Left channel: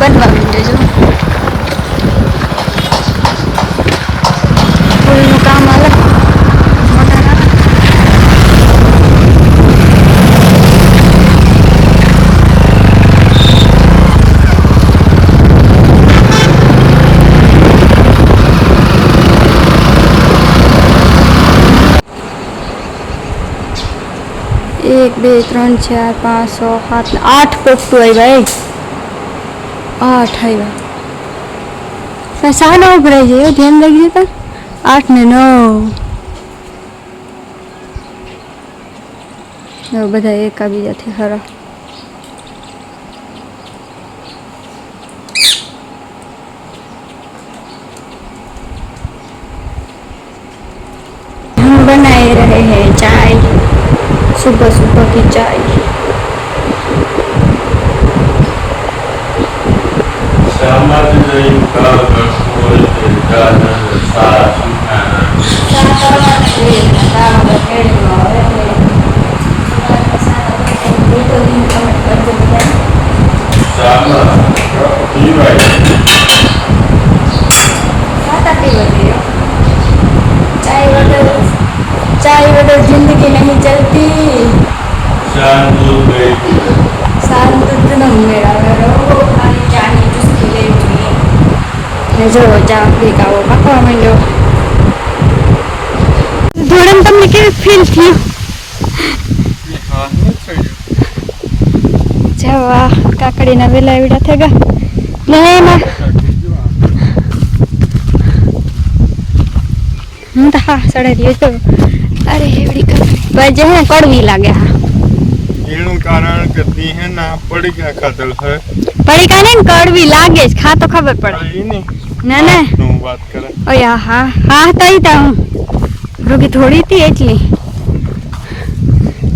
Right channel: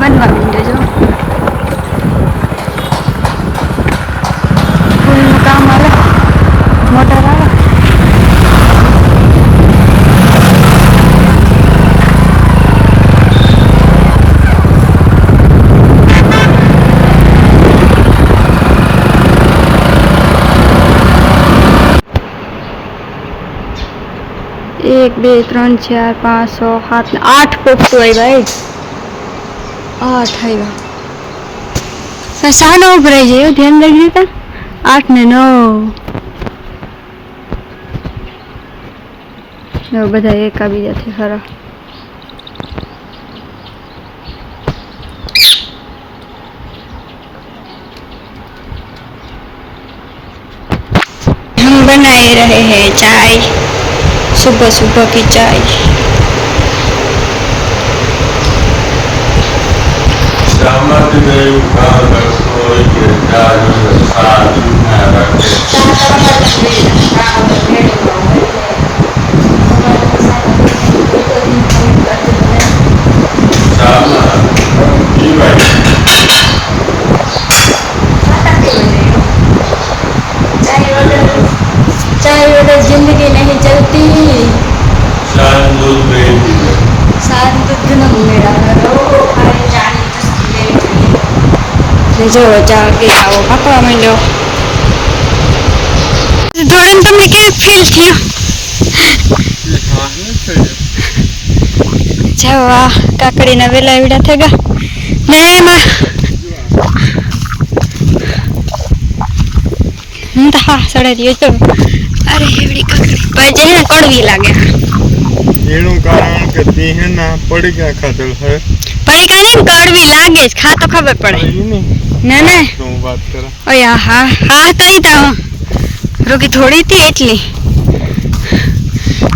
बनवा માંડ્યો જો ફૂલનું કામ હાલે મોટર આવે एक बे 3 4 5 6 7 8 पोपटू आई भाई 8 આવ્યા સાનો ઉભરાઈ જાય ધ્યાન રાખી દેતા 8 ને 9 બધા એકા બીજાથી ખરા हम बनाए रहे हैं चाय सुबह सुबह की चाय चाय वगैरह जिंदगी नहीं चलती सात दूध न मेरा चाय चुस्की लेवी જોઈએ ને જો ચા પી આવો પાકવા માંડ્યો ધોરણ તમને કેવું ફીલ થયું જવા કાકડીના વેલા એવડા થઈ ગયા ને એમાં હું તો હા સડે રહ્યો છો અરે એવડી કાકડી ભાઈ જે ને કડવી લાગે એનું કારણ કે તી હે ના પડીકા ખાધલ છે પડીકા ને કડવી લાગે છે ખા તો ખબર પડે ના ના હું વાત કરે ઓય હા હા તઈ તા હું રોકી થોડી હતી એટલી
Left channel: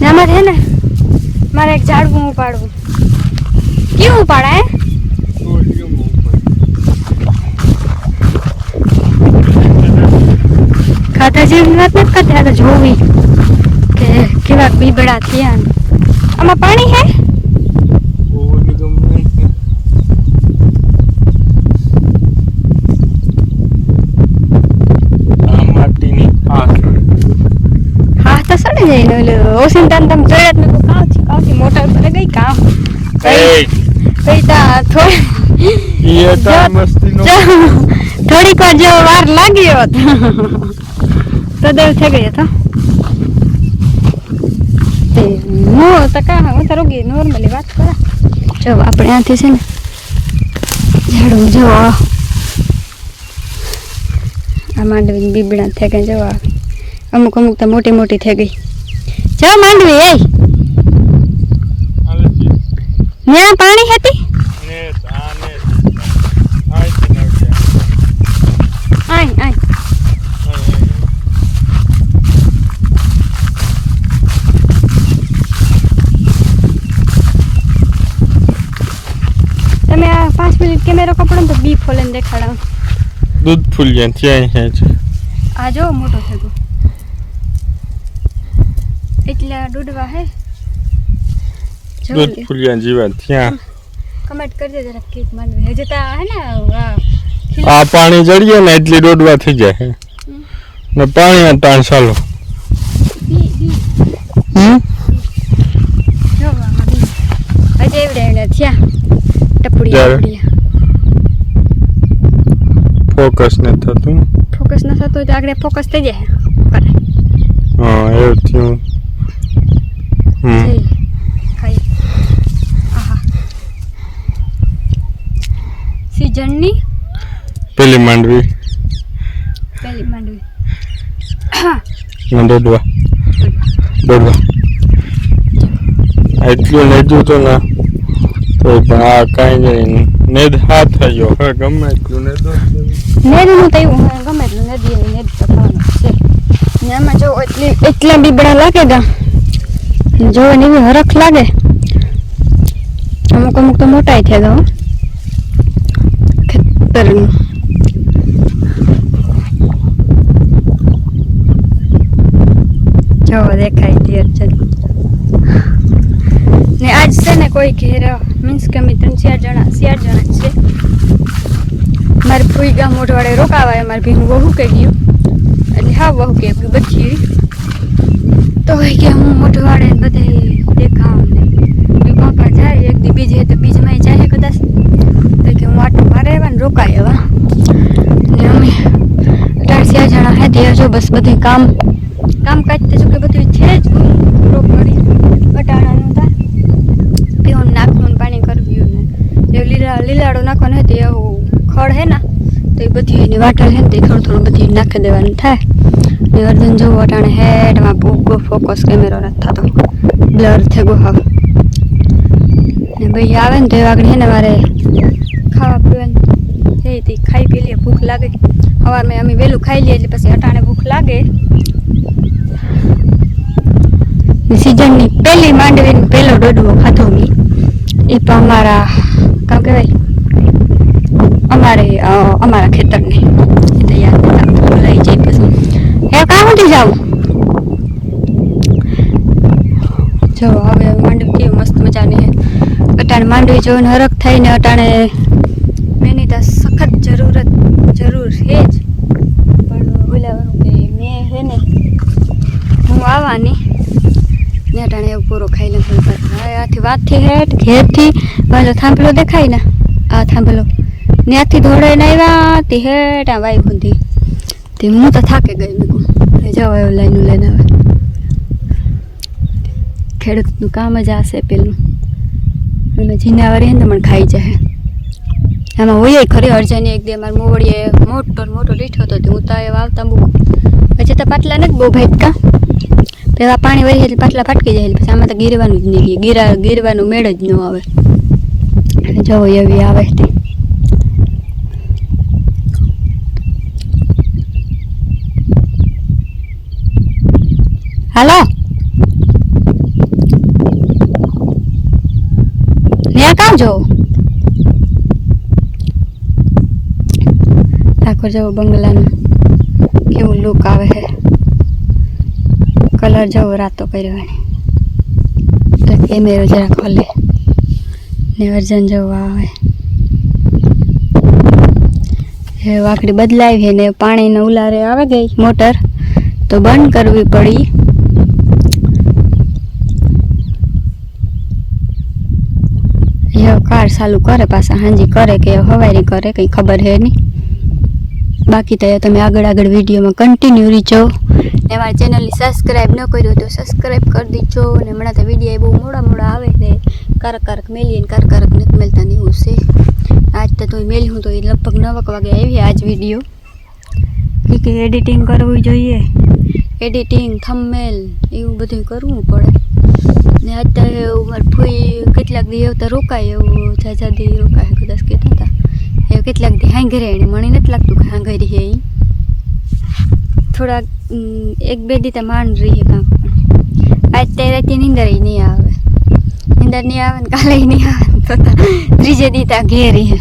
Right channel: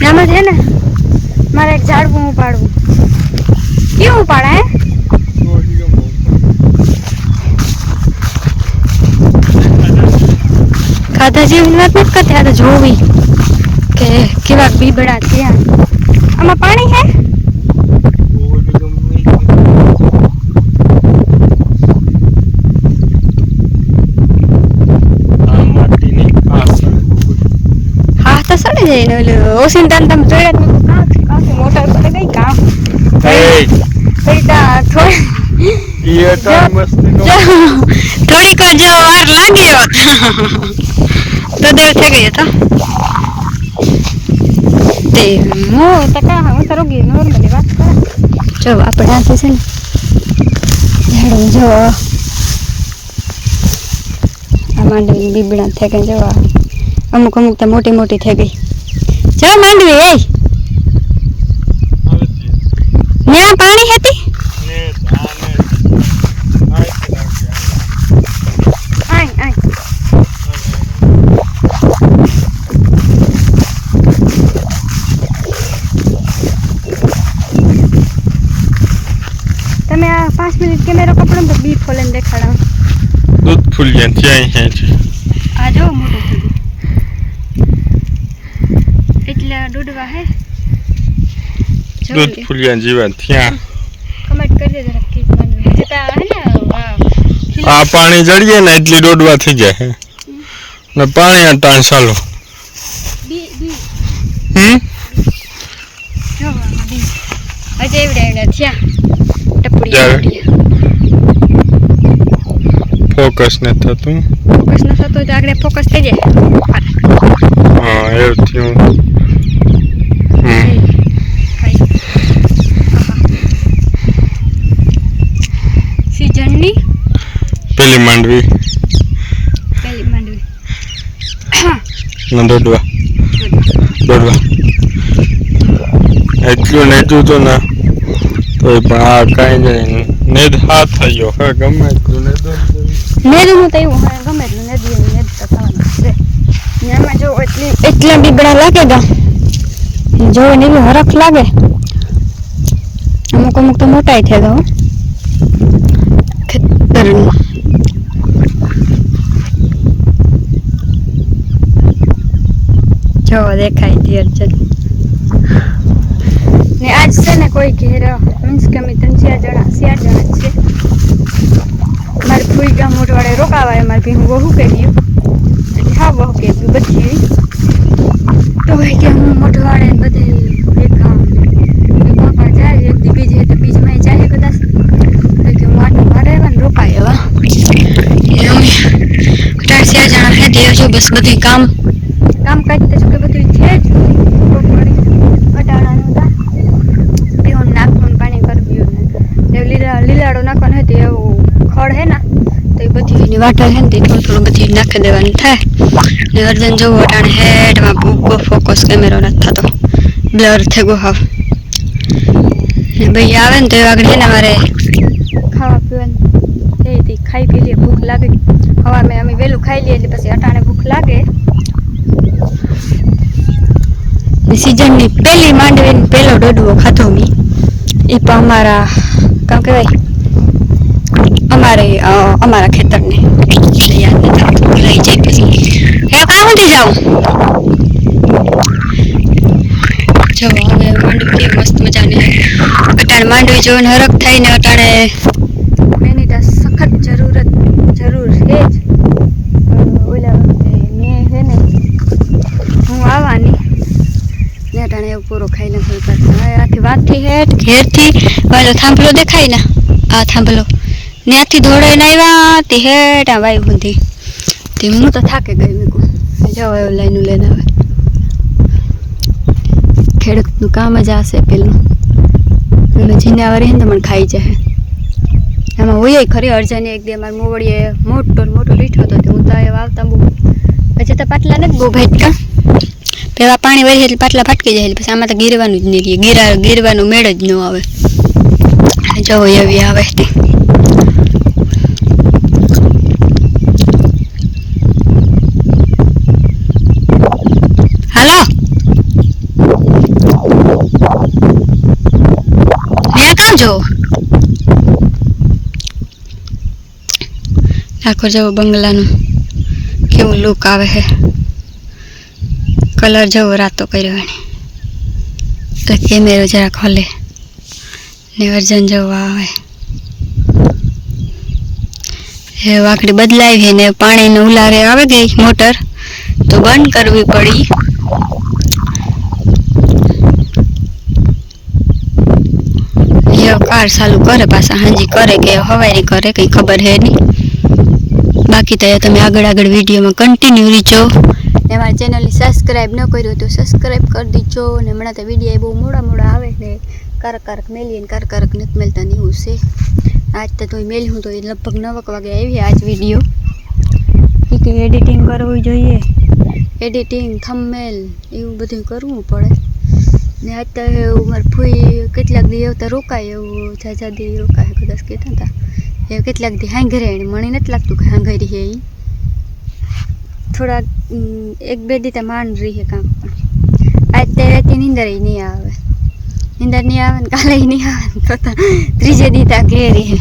નામાં છે ને મારે એક ઝાડવું ઉપાડવું કેવું ઉપાડા ખાધા જેવી વાત નથી કરતી આ તો જોવી કે કેવા બીબડા થયા આમાં પાણી હે હા તો સડે જઈને ઓલું ઓસિંતાન તમે જોયો ને કામ મોટા પર ગઈ કામ થોડીક જો વાર લાગી હોત તો દેવ થઈ ગઈ હતો તે હું તો કા હું તો રોગી નોર્મલી વાત કરે જો આપણે આથી છે ને ઝાડું જો આ માંડવી બીબડા થઈ ગઈ જો અમુક અમુક તો મોટી મોટી થઈ ગઈ જો માંડવી એ ન્યા પાણી હતી આય આય તમે આ 5 મિનિટ કેમેરો કપડો તો બી ફોલન દેખાડો દૂધ ફૂલ ગયા ત્યાં હે છે આ જો મોટો થઈ ગયો એટલા દૂધવા હે દૂધ ફૂલ ગયા જીવન ત્યાં કમેન્ટ કરી દેજો કે મને જતા હે ને આ પાણી જડી જાય ને એટલી દોડવા થઈ જાય ને પાણી આ તાણ ચાલો બી જો આ બી અજે એવડે થયા ટપડી ફોકસ ન થતું તો આગળ ફોકસ થઈ જાય હા એવું થયું સીઝનની પેલી માંડવી દોડવા એટલું નેજું તો ના તો પણ આ કાંઈ જાય નેદ હાથ થયો હવે ગમે એટલું નેદનું તો એવું ગમે એટલું નેદ તો થવાનું છે એમાં જો એટલા બીબડા લાગે ગા જો ને એવી હરખ લાગે અમુક અમુક તો મોટાઈ થયા તો ખતરનું જો દેખાય તીર ચલ ને આજ છે ને કોઈ ઘેર મીન્સ કે અમે 3-4 જણા છે મારે ફૂઈ ગામ મોઢવાડે રોકાવાય મારે ભીનું વહુ કે ગયું એટલે હા વહુ કે બચી તો કે હું મોઢવાડે બધે દેખામ ને કાકા જાય એક દી બીજે તો બીજમાં જાય કદાચ તો કે હું આટો મારે આવ્યા ને રોકાય એવા અમે 4 જણા હે તે જો બસ બધું કામ કાજ તો જો કે બધું છે જ રોકડી અટાણાનું તા પીવાનું નાખવાનું પાણી કરવ્યું ને લીલાડો નાખવાનો હતી એવું ખડ હે ને તો એ બધી એની વાટા છે ને તે થોડું બધી નાખી દેવાનું થાય ને અર્જન જોવું અટાણે હેડમાં ભૂકો ફોકસ કેમેરો નથી થતો બ્લર થઈ ગયો હાવ ને ભાઈ આવે ને તો એ આગળ છે ને મારે ખાવા પીવાનું થઈ ખાઈ પી લઈએ ભૂખ લાગે હવા મેં અમે વહેલું ખાઈ લઈએ એટલે પછી અટાણે ભૂખ લાગે સિઝનની પહેલી માંડવીને પહેલો ડોડવો ખાધો મેં એ પણ અમારા કામ કહેવાય અમારા ખેતરને યાદ નથી આવતું ભૂલાઈ જાય પછી હે કાં સુધી જાઉં જો હવે માંડવી કેવી મસ્ત મજાની અટાણે માંડવી જોઈને હરખ થઈને અટાણે એની તો સખત જરૂર છે જ ઓલા મેં હે ને હું આવવાની ને અટાણે એવું પૂરો ખાઈ લે થોડી વાર આથી વાતથી હેઠ ઘેરથી પેલો થાંભલો દેખાય ને આ થાંભલો ત્યાંથી દોડાઈને આવ્યા તે હેઠ આ વાઈ બુંધી તે હું તો થાકે ગઈ મેં જાઓ એવું લાઈનું લઈને આવે ખેડૂતનું કામ જ આશે પેલું પેલું જીનાવારી ને તો મને ખાઈ જાય આમાં હોય ખરી અર્જને એક દે મારા મોવડીએ મોટો લીઠો હતો હું તો એ વાવતા બહુ પછી તો પાટલા નથી બહુ ભાટકા પેલા પાણી વહી એટલે પાટલા ફાટકી જાય પછી આમાં તો ગીરવાનું જ નહીં રહીએ ગીરવાનું મેળ જ ન આવે જવો એવી આવે તે હાલો ત્યાં કામ જો ઠાકોર જેવો બંગલાનું કેવું લુક આવે છે કલર જેવો રાતો કર્યો એટલે કેમેરો જરા ખોલે ને અર્જન જેવો આવે એ વાકડી બદલાવી છે ને પાણીનું ઉલારે આવે ગઈ મોટર તો બંધ કરવી પડી એ કાર ચાલુ કરે પાછા હાંજી કરે કે હવારી કરે કંઈ ખબર હે નહીં બાકી તો તમે આગળ વિડીયોમાં કન્ટિન્યુ રીચો ને અમારી ચેનલની સબસ્ક્રાઈબ ન કર્યું તો સબસ્ક્રાઈબ કરી દીજો ને હમણાં તો વિડીયો બહુ મોડા આવે ને કારક મેલીએ ને કારક નથી મેલતા ને એવું છે આજ તો મેલી હું તો એ લગભગ 9 વાગે આવી આજ વિડીયો કે એડિટિંગ કરવું જોઈએ એડિટિંગ થંબનેલ એવું બધું કરવું પડે ને આજ તો મારી ફૂઈ કેટલાક દી એવું તો રોકાય એવું જાજાદી રોકાય કદાચ કહેતા હતા એ કેટલાક દી હાંગરે એને મને નથી લાગતું કે હાંગરી હે એ થોડાક 1-2 દી તો માંડ રહી કાંક પણ આજ તે રાતે નીંદર નહીં આવે ને કાલે નહીં આવે તો ત્રીજે દી ત્યાં ઘેરી હે